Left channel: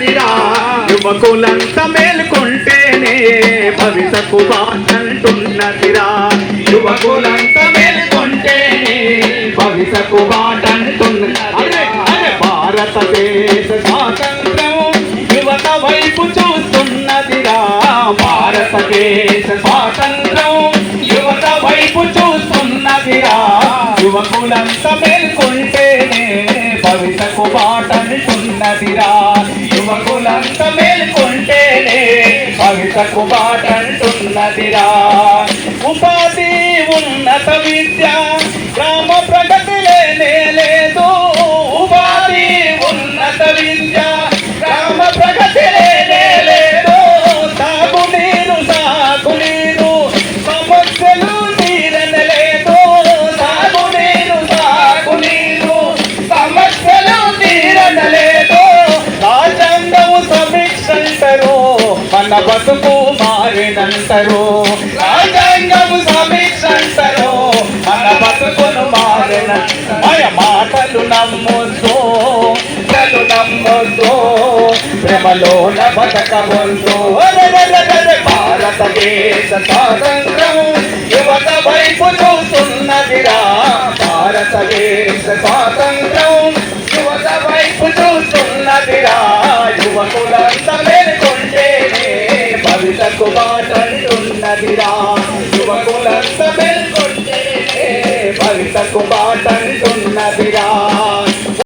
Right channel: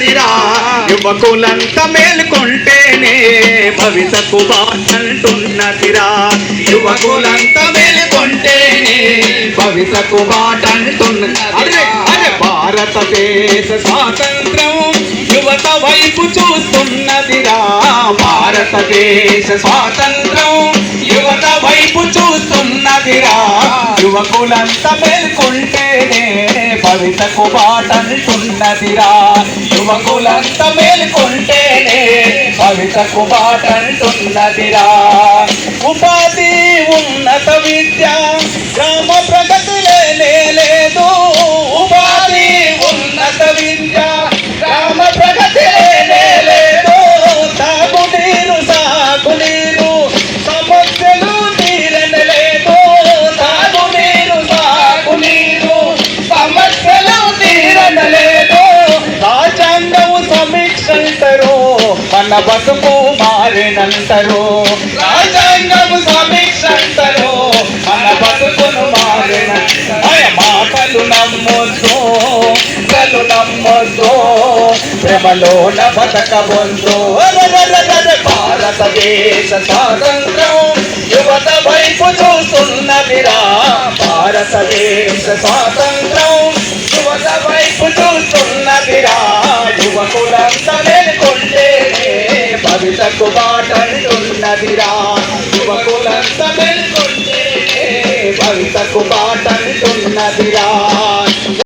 చూస్తున్నదిరా యువకులంతా మేల్కొంటేనే భవితకు బాటంటున్నదిరా యువకులంతా మేల్కొంటేనే భవితకు బాటంటున్నది భారతదేశ స్వాతంత్రం యువత వైపు చూస్తున్నదిరా భారతదేశ స్వాతంత్రం యువత వైపు చూస్తున్నదిరా యువకులంతా మేల్కొంటేనే భవితకు బాటంటున్నదిరా యువకులంతా మేల్కొంటేనే భవితకు బాటంటున్నదిరా ఉపాధి ఉన్నత విద్య గ్రామ ప్రగతి లేదు ఉపాధి ఉన్నత విద్య గ్రామ ప్రగతి లేదు సాగునీరు సమస్యలు తీరనలేదు సాగునీరు సమస్యలు తీరనలేదు రాజ్యాంగము సమీక్షంటారు మన బతుకు మారినంటారు రాజ్యాంగము సమీక్షంటారు మన బతుకును మారినంటారు మాటలు నమ్మొద్దు ప్రేమలోన బతకబొద్దు భారతదేశ స్వాతంత్రం యువత వైపు చూస్తున్నదిరా భారతదేశ స్వాతంత్రం యువత వైపు చూస్తున్నదిరా యువకులంతా మేల్కొంటేనే భవితకు